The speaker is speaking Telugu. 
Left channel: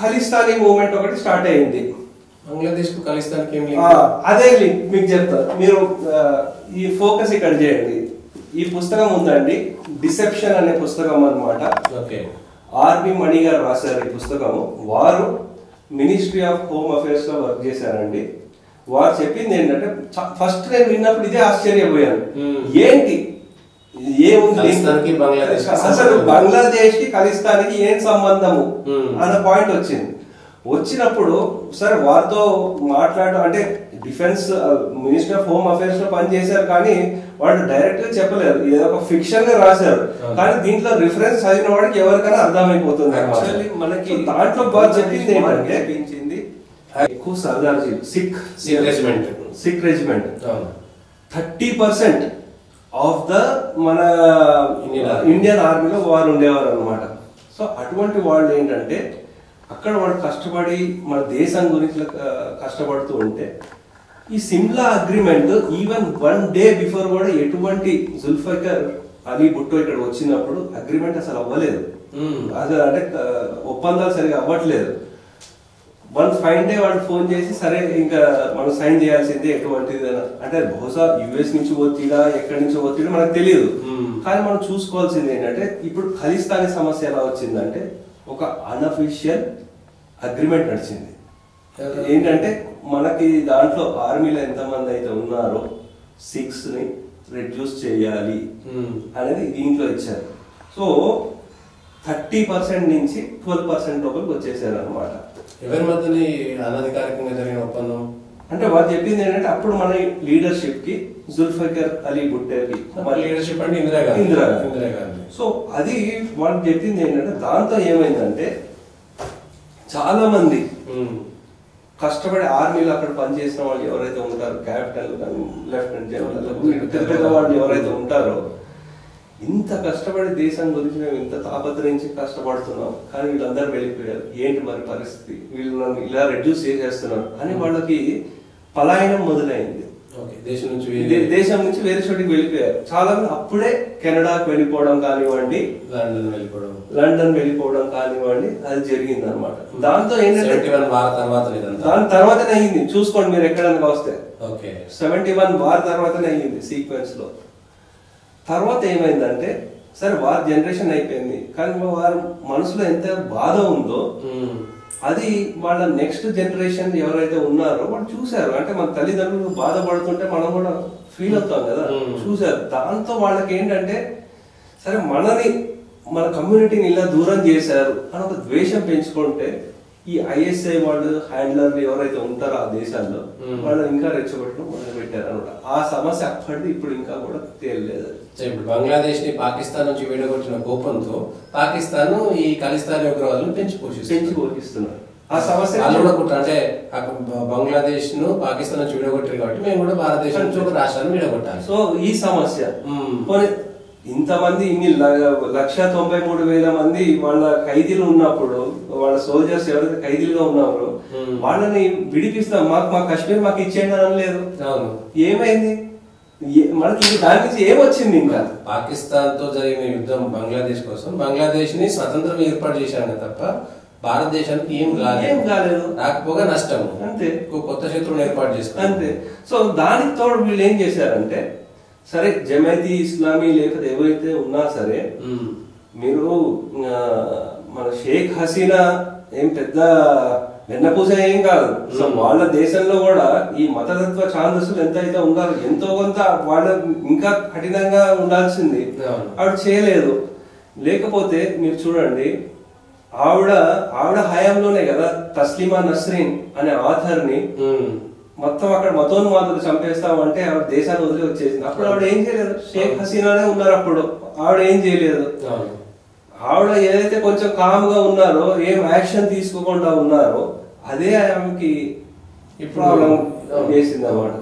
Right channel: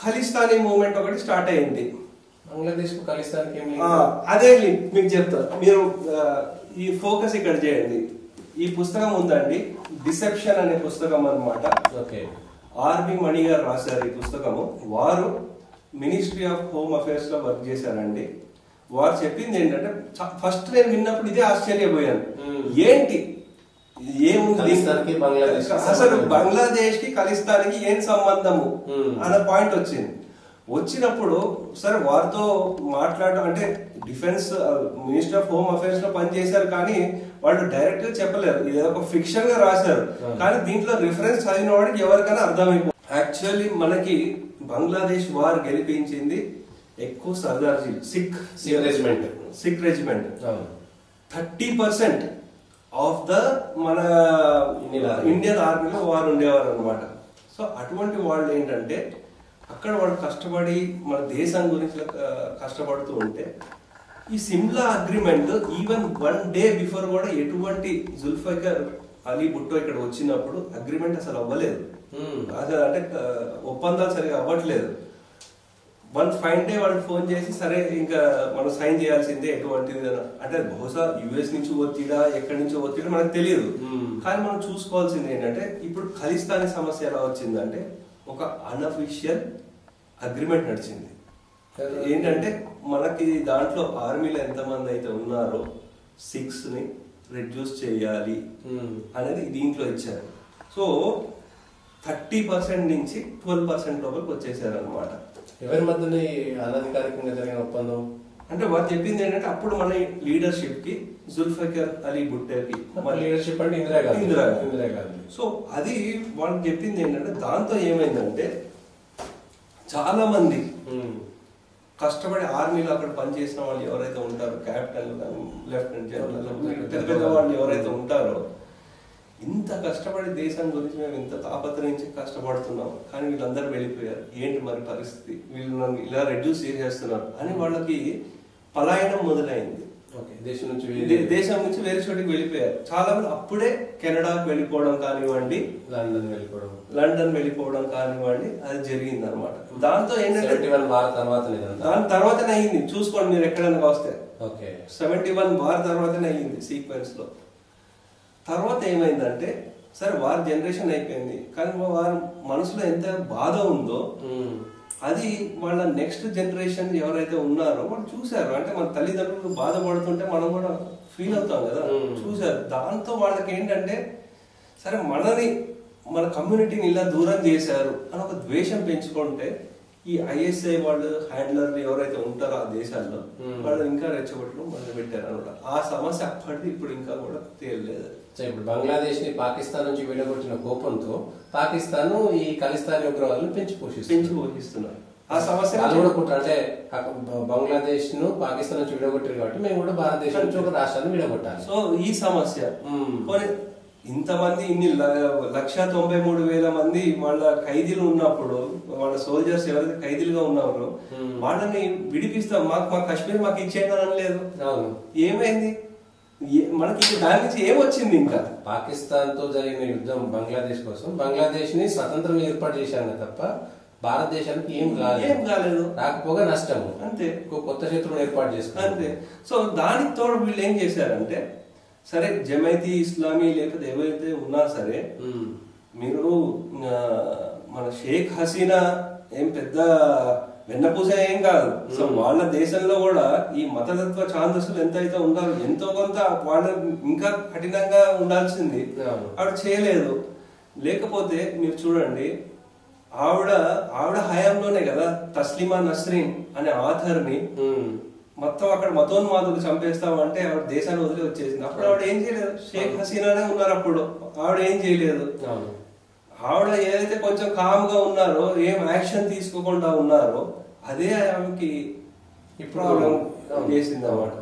ఖలిస్తానీ మూవ్మెంట్ ఒకటి స్టార్ట్ అయింది. బంగ్లాదేశ్ కు ఖలిస్తాన్కి అదే మీకు చెప్తారు, మీరు ఈ ఫోకస్ ఇక్కడ చేయండి. ఈ పుస్తకం ఉందండి, డిసెప్షన్ అనే పుస్తకం అన్నమాట. ఆర్బి మణి గారు రాశారు ఈ పుస్తకము. వారు మినిస్ట్రీ ఆఫ్ హోమ్ అఫేర్స్ లో వర్క్ చేశారండి. వారు చెప్పింది ఏంటంటే, ఫస్ట్ నేను విన్నప్పుడు ఇదే ఆశ్చర్యపోయాను, ఏంటి ఏముంది అసలు బంగ్లాదేశ్ కి ఖలిస్తాన్కి ఏం సంబంధము అన్న పాయింట్ వచ్చినప్పుడు సరే వారితో మాట్లాడడం అంటే defence minister of home affairs లో పనిచేశారు, కానీ వాళ్ళు డైరెక్ట్ గా చెప్పలేరు, ఏదో ఒక ఫిక్షన్ గా రాశారు. కానీ దీంట్లో రిఫరెన్స్ చదివిన వాడికి ఎవరికైనా అర్థమైపోతుంది. యాక్చువల్లీ మనకి దాంట్లో బంగ్లాదేశ్ గెలిపించింది ఎక్కువ Sardarji Sikh regiment 30% of the మన ఇండియన్ ఆర్మీలో వారు ఉండేవారు అనమాట. సో అటువంటి వాళ్ళు ఏంటంటే అక్కడ వాళ్ళు కష్టపడి మన దేశం గురించి కష్టపడుతూ ఉంటే ఈ Shimla agreement even 1 day before కూడా ఎటువంటి జుల్ఫికర్ అలీ భుట్టో ఇక్కడ వచ్చినప్పుడు అగ్రిమెంట్ అసలు అవ్వలేదు. అసలు అంటే ఒప్పందాలు సరిగా అవ్వట్లేదు. 1 ఫైన్ డే వాళ్ళు ఫోన్ చేసి సరే ఇంకా మనం సైన్ చేయాల్సిందే ఎటువంటిది అంటే బహుశా యుఎస్ నుంచి ఒత్తిడా ఎక్కడి నుంచి ఒత్తిడా మనకు తెలియదు. కానీ మనం చూసుకోవాల్సింది ఏంటంటే ఇప్పుడు ఖలిస్తానీ సమస్య ఎలా వచ్చిందంటే ఒక అన్అఫీషియల్ అగ్రిమెంట్ నడిచింది. ఏంటంటే మనకి దాంట్లో ఆర్మీలో ఎంతమంది అయితే ఉన్నారో 6ని రెడ్యూస్ చేయాలి అనేది దీంట్లో ఇచ్చారు. సో 30% నుంచి 12% లోపలికి వచ్చేసారు అనమాట. ఎవరి మధ్య అనధికారికంగా జరిగిన ఒప్పందం అంటే వాళ్ళు చెప్పింది ఏంటంటే అప్పుడు మన లీడర్షిప్ కి జుల్ఫికర్ అలీ భుట్టోకి లీడర్షిప్ అంటే ఇందిరాగాంధీ. సో అది వాళ్ళు చెప్పింది ఏంటంటే దాంతో ఏమైందంటే చాలా మంది కష్టపడి ఆర్మీలో అక్కడ పనిచేసిన వాళ్ళు ఎవరైతే ఉంటారో క్యాపిటల్ కానీ లెఫ్టినెంట్ జనరల్ పెద్ద పెద్ద వాళ్ళు ఎవరైతే ఉంటారో ఇంత కష్టపడి దేశం గురించి మేము ఇంత తాపత్రయించి కష్టపడుతున్నాం, కానీ వీళ్ళందరూ వెళ్ళిపోయారు, ఏంటి మరి పరిస్థితి, వీళ్ళు నన్ను ఇలా రెడ్యూస్ చేసేస్తున్నారు అని వాళ్ళకి పలాయనం మొదలైంది. దేశం నుంచి వేరే చోటికి వెళ్ళిపోయారు. చాలా మంది అప్పుడే కెనడాకి వెళ్ళిపోవడం కానివ్వండి, లండన్ వెళ్ళిపోవడం కానివ్వండి, అది జరిగింది అనమాట. దాంతో ఏంటంటే దాని తర్వాతనే అయ్యింది. చూసుకోండి మీరు ఎక్కడైనా వస్తే 71 వార్ తర్వాతనే అయ్యింది సీక్వెన్స్ లో. తర్వాత ఏమైందంటే సరే వారి జనరేషన్ అయిపోయింది, కానీ వారి మనసులో ఎంత బాధ ఉందో అది వాళ్ళ నెక్స్ట్ జనరేషన్ ఎవరైతే ఉన్నారో వాళ్ళు చూసారు. అంటే మన తల్లిదండ్రులు బాధపడుతుంటే మనం కూడా ఫీల్ అవుతాం కదా, చూసారు. దాంతో వాళ్ళకి ఏంటంటే సరే మన కమ్యూనిటీని ఇలా దూరం చేశారు అని ఒక ద్వేషం పెంచుకుంటే ఈ ఐఎస్ఐ వాళ్ళు హ్యాండ్లర్లు ఎవరైతే ఉంటారో ఆ దేశాల్లో వాళ్ళు ఇంకా రెచ్చగొట్టడం మొదలు పెట్టారు అనమాట. ఆ సమస్య అప్పటిది ఇప్పుడు ఇంకా కూడా తేలలేదు. ఇప్పుడు బంగ్లాదేశ్ ని పాకిస్తాన్ నుంచి విడగొట్టిన కోపంతో పాకిస్తాన్ ఈ ఖలిస్తానీ ఉగ్రవాదులను పెంచి పోషిస్తున్నారు. ఆ సమస్య అంటే బంగ్లాదేశ్ ను పాకిస్తాన్ నుంచి విడగొట్టారు కాబట్టి మేము కూడా భారతదేశం నుంచి ఒక రాష్ట్రాన్ని విడగొట్టాలి. సో ఈ సమస్య ఇంతమంది 1,93,000 మంది వాళ్ళ ఖైదీలు ఉన్నప్పుడు, వాళ్ళ సోల్జర్స్ ఎవరైతే ఖైదీలుగా ఉన్నారో వాళ్ళని విడిపిస్తాం, మా కాశ్మీర్ మాకు ఇచ్చేయండి అనలేదు. ఏమైంది మనకి దాని నుంచి ఏమొచ్చింది? ఇంకా పాకిస్తాన్ తో జరిగిన యుద్ధం బంగ్లాదేశ్ కోసం, బంగ్లాదేశ్ ని స్వతంత్రం ఏర్పాటు చేశాను తప్ప భారతదేశానికి ఏం కాలేదు, రాకపోగా నష్టం అంతే. కొత్త శత్రువుని ఏర్పాటు చేసుకున్నారు అంతే. సో దానికి తోడు వీళ్ళు ఏం చేశారంటే సరే జమైతీ ఇస్లామీ లేకపోతే ఎవరైతే ఉన్నా సరే మీరు మన షేక్ హసీనా ఏం పెద్ద వెన్నపూస ఏం కాదు. సో వాళ్ళ దేశంలో కూడా ఈ మతతత్వ ఛాందస్సులు ఎంత అయితే ఉన్నారు ఎంతో కొంత వాళ్ళు ఇంకా కఠినంగా ఉండాల్సింది, ఆవిడ చేయలేదు. లేకపోతే మీరు చూడండి ఆవిడ హయాంలోనే కదా తస్లిమా నస్రీన్ అనే ఆథర్ ని మొత్తం అక్కడ మతోన్మాదులు చంపేస్తామంటే ఆవిడ దేశాన్ని వదిలి వచ్చేసింది. అప్పుడు ఆవిడ ఏం చేయలేదు, షేక్ హసీనానే ఉన్నారు అప్పుడు, ఆవిడ ఏం చేయలేదు. ఆవిడ ఏదైతే కొంచెం కామ్ గా ఉన్నారో, ఏం యాక్షన్ తీసుకోకుండా ఉన్నారో అదే ఆమెకి ప్రాబ్లం చేసింది అన్నమాట.